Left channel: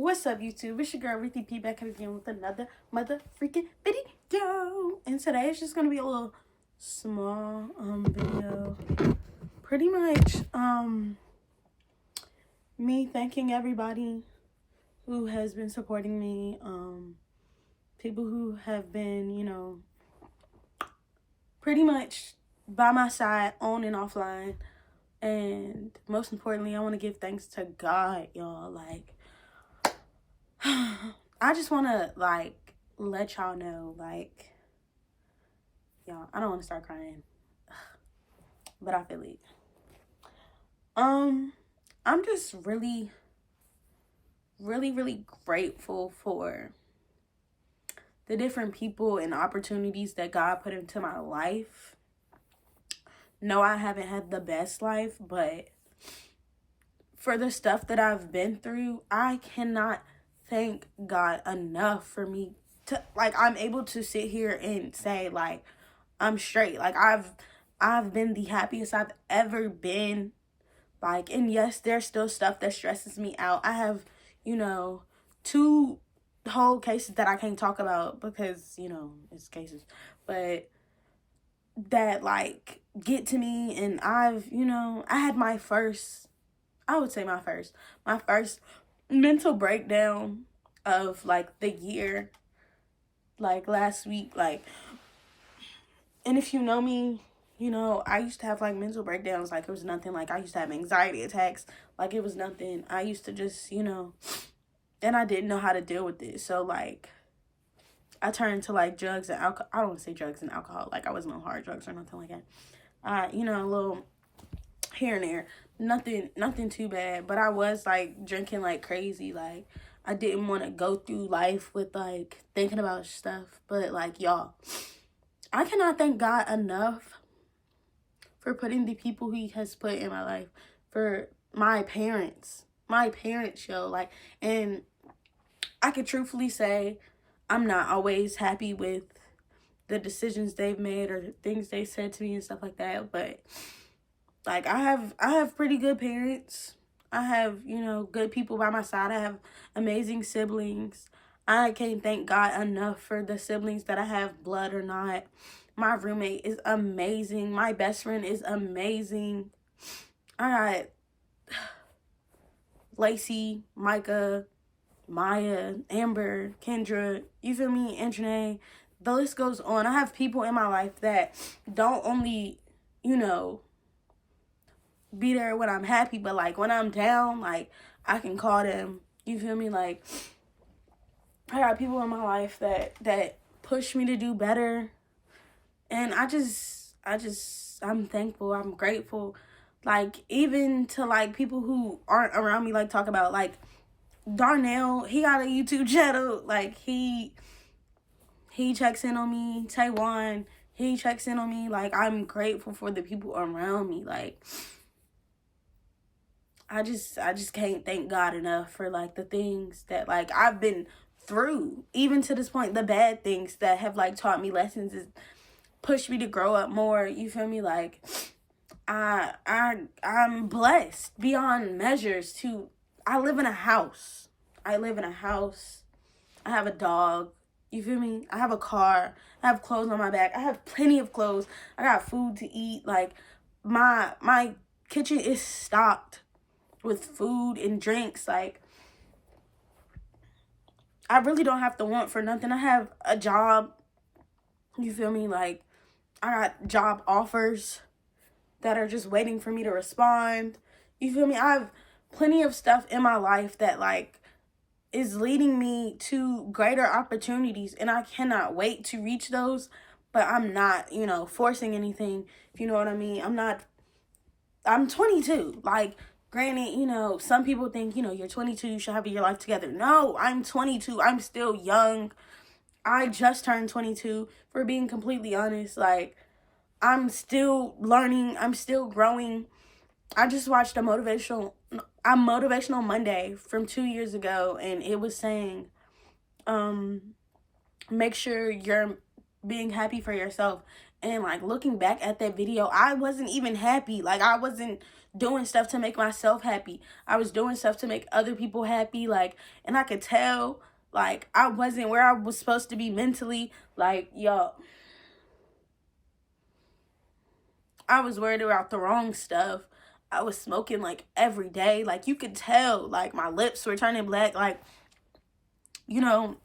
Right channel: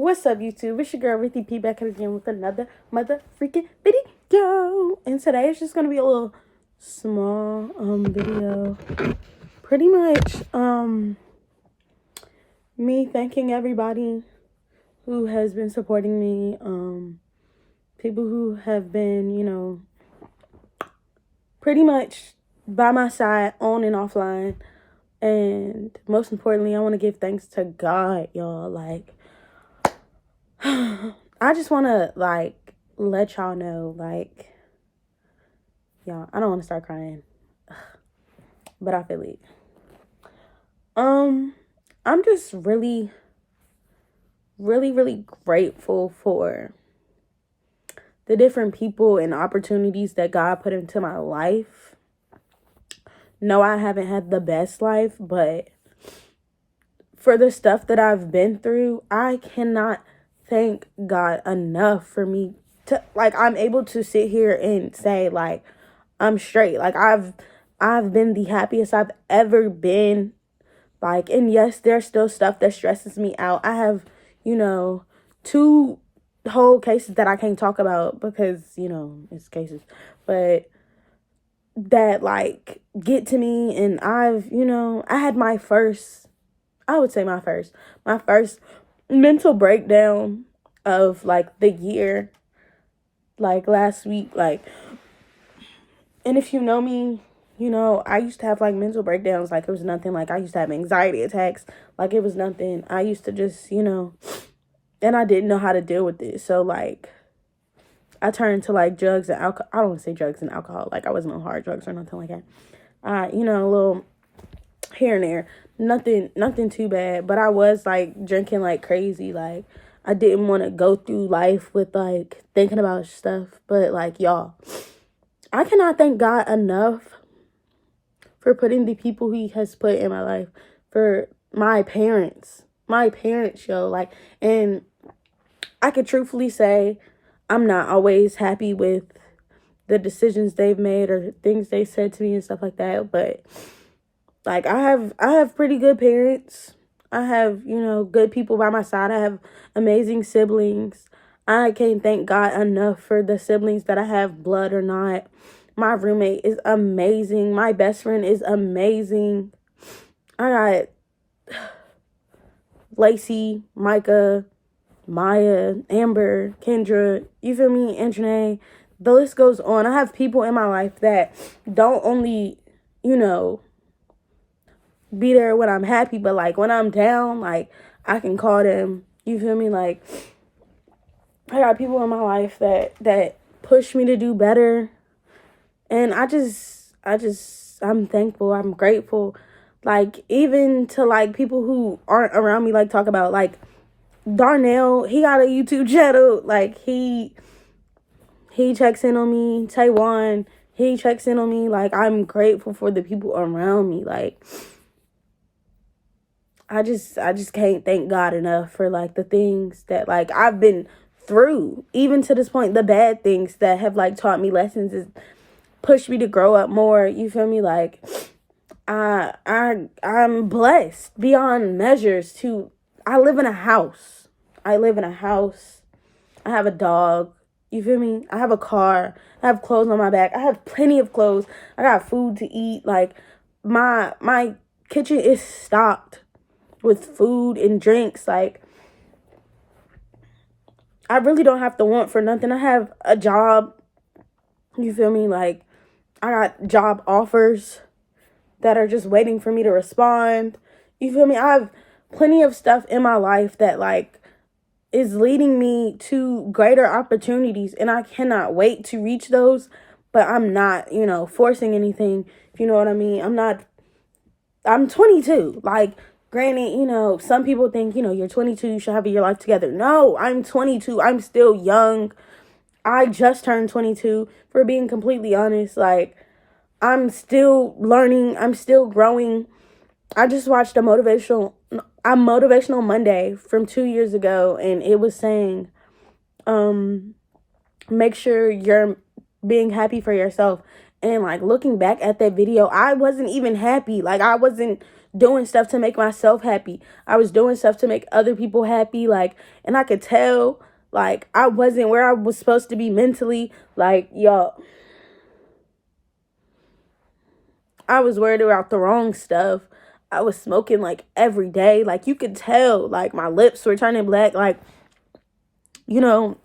What's up, YouTube? It's your girl, Ruthie P, back again with another mother freaking video. And today it's just going to be a little small video. Pretty much me thanking everybody who has been supporting me. People who have been, pretty much by my side on and offline. And most importantly, I want to give thanks to God, y'all. Like, I just want to, let y'all know, y'all, I don't want to start crying, but I feel it. I'm just really, really, really grateful for the different people and opportunities that God put into my life. No, I haven't had the best life, but for the stuff that I've been through, I cannot thank God enough for me to, I'm able to sit here and say, I'm straight. I've been the happiest I've ever been. And yes, there's still stuff that stresses me out. I have, 2 whole cases that I can't talk about because, it's cases. But that, get to me. And I had my first mental breakdown of, the year, last week. And if you know me, I used to have, mental breakdowns like it was nothing. I used to have anxiety attacks like it was nothing. I used to just, and I didn't know how to deal with it. So, I turned to, drugs and alcohol. I don't want to say drugs and alcohol. I wasn't on hard drugs or nothing like that. A little here and there. Nothing too bad. But I was, drinking like crazy. I didn't want to go through life with, thinking about stuff. But, y'all, I cannot thank God enough for putting the people He has put in my life. For my parents, yo. And I could truthfully say I'm not always happy with the decisions they've made or things they said to me and stuff like that. But, I have pretty good parents. I have, good people by my side. I have amazing siblings. I can't thank God enough for the siblings that I have, blood or not. My roommate is amazing. My best friend is amazing. I got Lacey, Micah, Maya, Amber, Kendra, you feel me, Anjanae. The list goes on. I have people in my life that don't only, be there when I'm happy, but, when I'm down, I can call them. You feel me? I got people in my life that push me to do better. And I'm thankful. I'm grateful. Even to, people who aren't around me, talk about, Darnell, he got a YouTube channel. He checks in on me. Taiwan, he checks in on me. I'm grateful for the people around me. I just can't thank God enough for, the things that, I've been through. Even to this point, the bad things that have, taught me lessons is pushed me to grow up more. You feel me? I'm blessed beyond measures to, I live in a house. I have a dog. You feel me? I have a car. I have clothes on my back. I have plenty of clothes. I got food to eat. My kitchen is stocked with food and drinks. I really don't have to want for nothing. I have a job. You feel me? I got job offers that are just waiting for me to respond. You feel me? I have plenty of stuff in my life that is leading me to greater opportunities, and I cannot wait to reach those. But I'm not, forcing anything, if you know what I mean. I'm 22. Granted, some people think, you're 22, you should have your life together. No, I'm 22. I'm still young. I just turned 22, for being completely honest. I'm still learning. I'm still growing. I just watched a Motivational Monday from 2 years ago, and it was saying, make sure you're being happy for yourself. And looking back at that video, I wasn't even happy. I wasn't doing stuff to make myself happy. I was doing stuff to make other people happy. Like, and I could tell, like, I wasn't where I was supposed to be mentally. Like, y'all, I was worried about the wrong stuff. I was smoking, like, every day. Like, you could tell, like, my lips were turning black. Like, you know,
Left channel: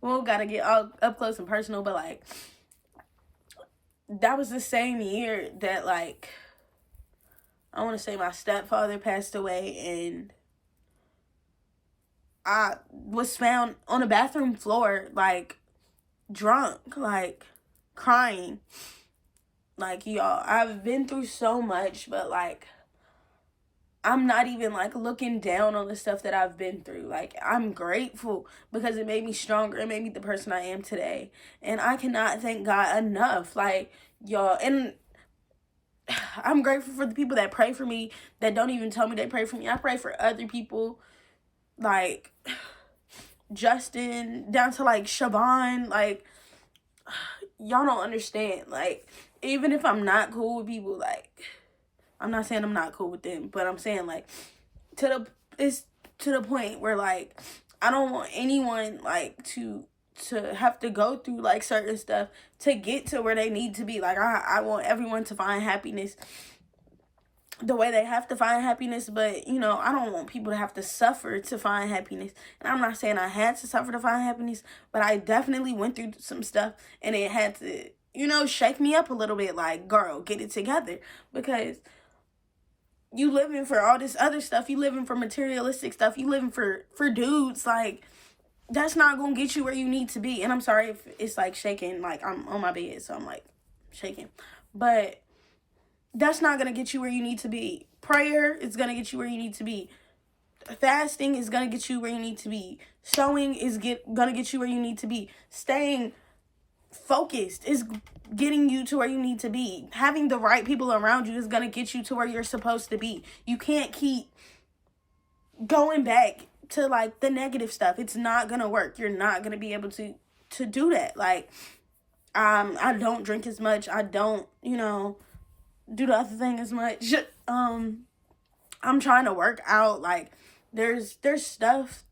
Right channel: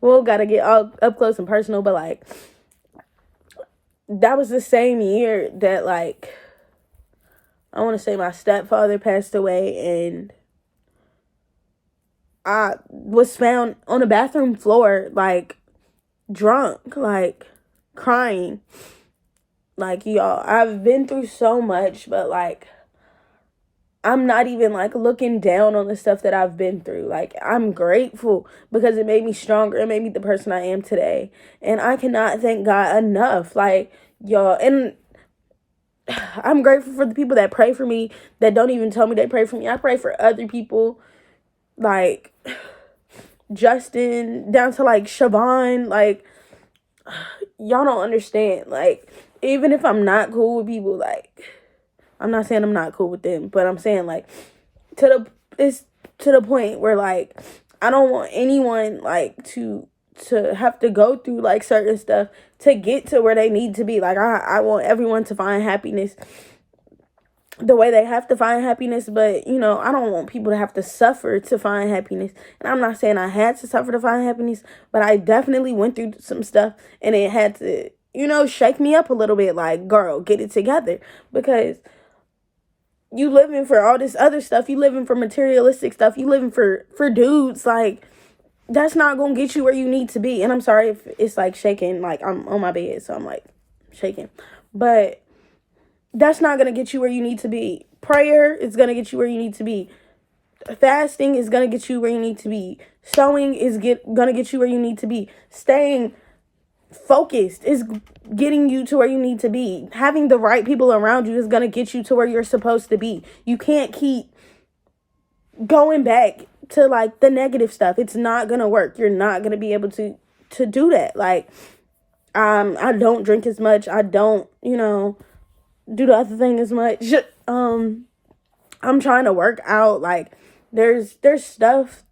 well, gotta get all up close and personal, but, like, that was the same year that, like, I want to say my stepfather passed away, and I was found on the bathroom floor, like, drunk, like, crying. Like, y'all, I've been through so much, but, like, I'm not even, like, looking down on the stuff that I've been through. Like, I'm grateful because it made me stronger. It made me the person I am today. And I cannot thank God enough. Like, y'all, and I'm grateful for the people that pray for me, that don't even tell me they pray for me. I pray for other people, like Justin, down to, like, Siobhan. Like, y'all don't understand. Like, even if I'm not cool with people, like, I'm not saying I'm not cool with them, but I'm saying, like, it's to the point where, like, I don't want anyone, like, to have to go through, like, certain stuff to get to where they need to be. Like, I want everyone to find happiness the way they have to find happiness, but, you know, I don't want people to have to suffer to find happiness. And I'm not saying I had to suffer to find happiness, but I definitely went through some stuff, and it had to, you know, shake me up a little bit. Like, girl, get it together, because you living for all this other stuff, you living for materialistic stuff, you living for dudes, like, that's not gonna get you where you need to be. And I'm sorry if it's, like, shaking, like, I'm on my bed, so I'm, like, shaking, but that's not gonna get you where you need to be. Prayer is gonna get you where you need to be. Fasting is gonna get you where you need to be. Sewing is gonna get you where you need to be. Staying focused is getting you to where you need to be. Having the right people around you is gonna get you to where you're supposed to be. You can't keep going back to, like, the negative stuff. It's not gonna work. You're not gonna be able to do that. Like, I don't drink as much. I don't, you know, do the other thing as much. I'm trying to work out. Like, there's stuff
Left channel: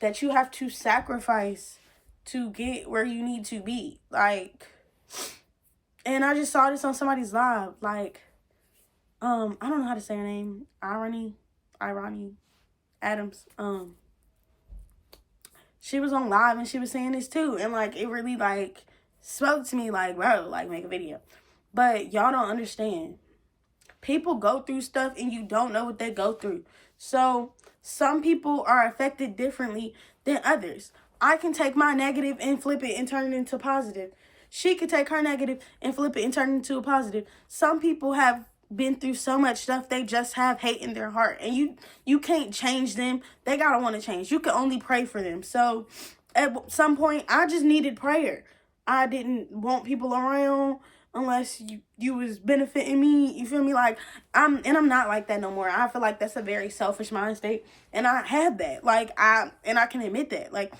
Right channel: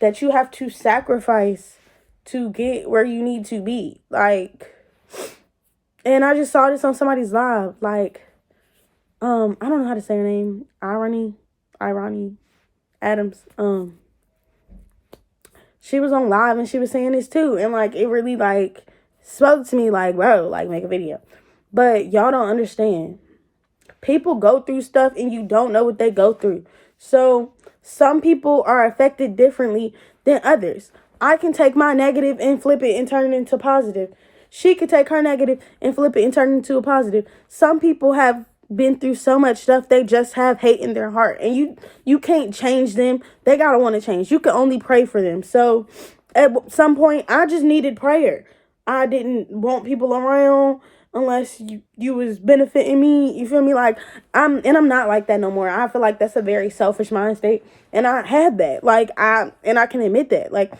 that you have to sacrifice to get where you need to be. Like, and I just saw this on somebody's live. Like, I don't know how to say her name. Irony Adams. She was on live and she was saying this too, and, like, it really, like, spoke to me. Like, bro, like, make a video. But y'all don't understand. People go through stuff and you don't know what they go through. So some people are affected differently than others. I can take my negative and flip it and turn it into positive. She could take her negative and flip it and turn it into a positive. Some people have been through so much stuff, they just have hate in their heart. And you can't change them. They gotta want to change. You can only pray for them. So at some point, I just needed prayer. I didn't want people around unless you was benefiting me. You feel me? Like, I'm not like that no more. I feel like that's a very selfish mind state, and I had that. Like, I can admit that. Like,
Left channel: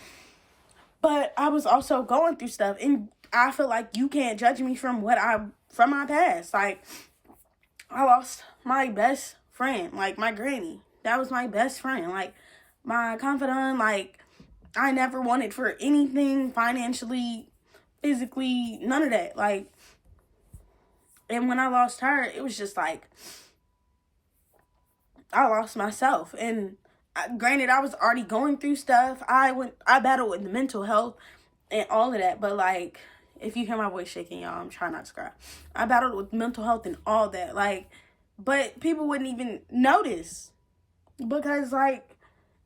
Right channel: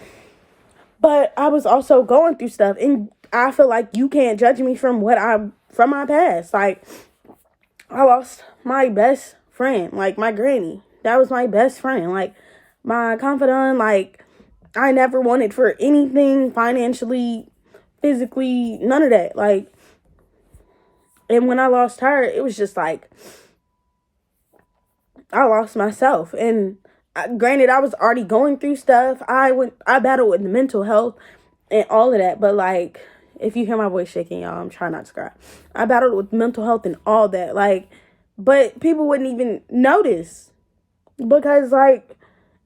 but I was also going through stuff, and I feel like you can't judge me from my past. Like, I lost my best friend, like, my granny. That was my best friend, like, my confidant. Like, I never wanted for anything financially, physically, none of that. Like, and when I lost her, it was just like, I lost myself. And granted, I was already going through stuff. I battled with mental health and all of that. But, like, if you hear my voice shaking, y'all, I'm trying not to cry. I battled with mental health and all that. Like, but people wouldn't even notice because, like,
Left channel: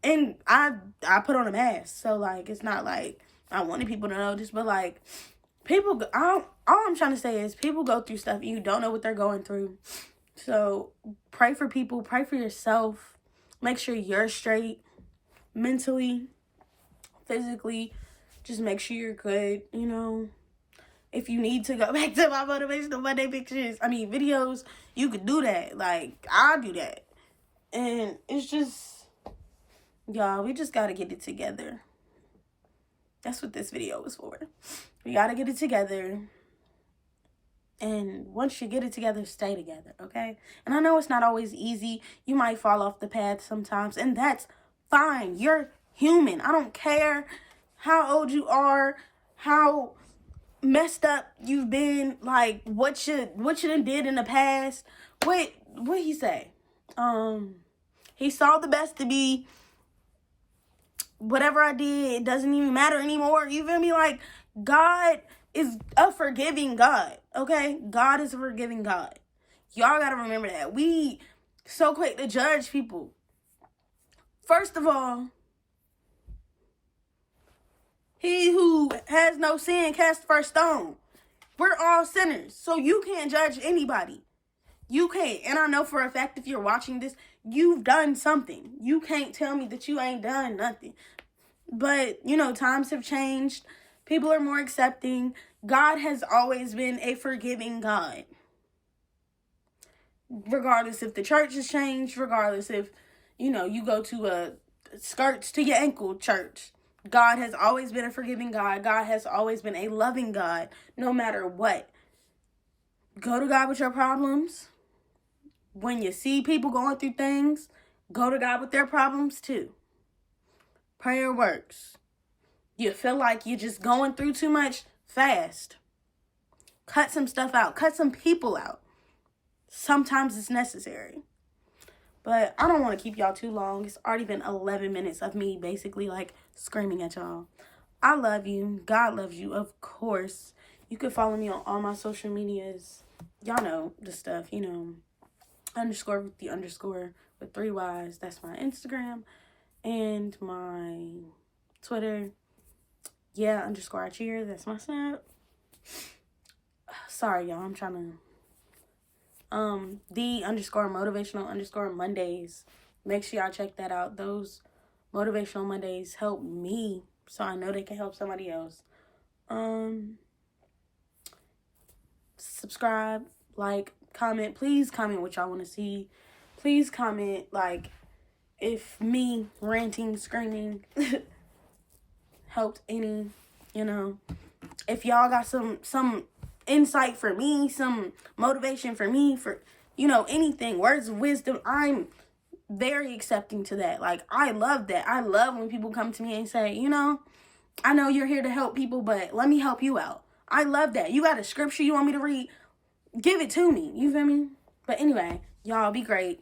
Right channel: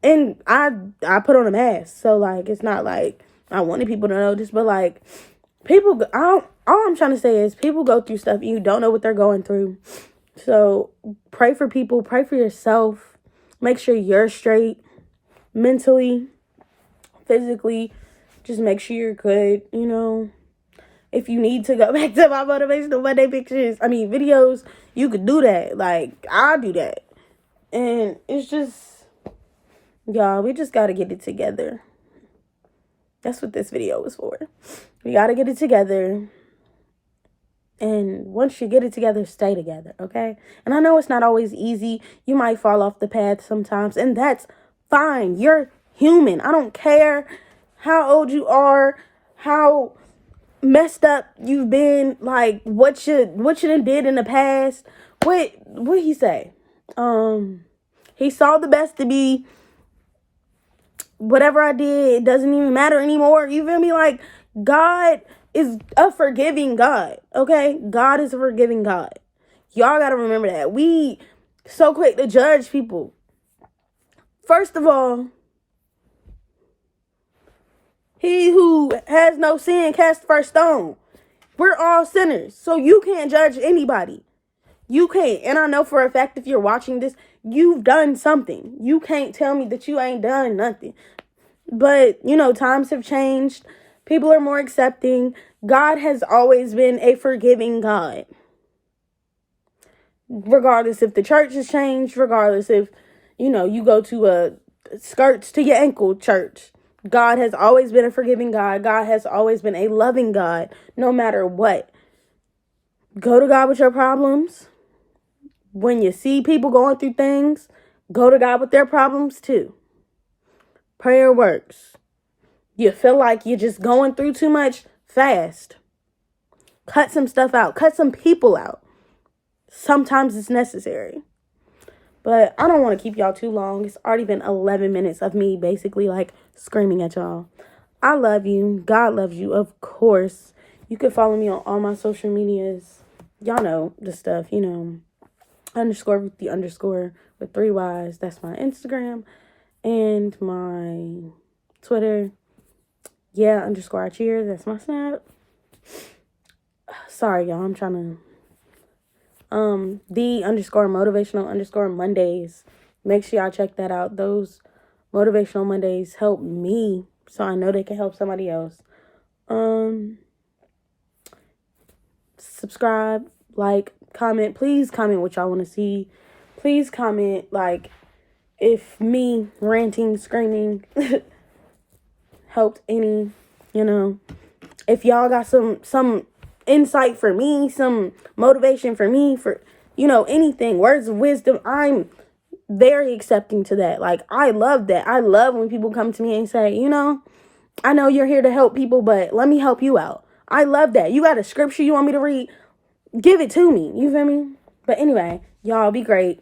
and I put on a mask. So, like, it's not like I wanted people to notice, but, like, all I'm trying to say is people go through stuff and you don't know what they're going through. So pray for people, pray for yourself. Make sure you're straight mentally, physically. Just make sure you're good, you know. If you need to go back to my Motivational Monday videos, you could do that. Like, I'll do that. And it's just, y'all, we just got to get it together. That's what this video was for. We got to get it together. And once you get it together, stay together, okay? And I know it's not always easy. You might fall off the path sometimes, and that's fine. You're human. I don't care how old you are, how messed up you've been, like what you done did in the past. What he say? He saw the best to be. Whatever I did, it doesn't even matter anymore. You feel me? Like, God is a forgiving God, okay? God is a forgiving God. Y'all gotta remember that. We so quick to judge people. First of all, he who has no sin cast the first stone. We're all sinners, so you can't judge anybody. You can't. And I know for a fact if you're watching this, you've done something. You can't tell me that you ain't done nothing. But, times have changed. People are more accepting. God has always been a forgiving God. Regardless if the church has changed, regardless if, you go to a skirts to your ankle church. God has always been a forgiving God. God has always been a loving God, no matter what. Go to God with your problems. When you see people going through things, go to God with their problems too. Prayer works. You feel like you're just going through too much, fast. Cut some stuff out. Cut some people out. Sometimes it's necessary. But I don't want to keep y'all too long. It's already been 11 minutes of me basically like screaming at y'all. I love you. God loves you, of course. You can follow me on all my social medias. Y'all know the stuff, underscore with the underscore with 3 Y's. That's my Instagram and my Twitter. Yeah, underscore I cheer. That's my Snap. Sorry, y'all. I'm trying to. The underscore motivational underscore Mondays. Make sure y'all check that out. Those motivational Mondays help me, so I know they can help somebody else. Subscribe, like, comment. Please comment what y'all want to see. Please comment, like, if me ranting, screaming helped any, if y'all got some insight for me, some motivation for me, for, anything, words of wisdom, I'm very accepting to that. Like, I love that. I love when people come to me and say, I know you're here to help people, but let me help you out. I love that. You got a scripture you want me to read? Give it to me. You feel me? But anyway, y'all be great.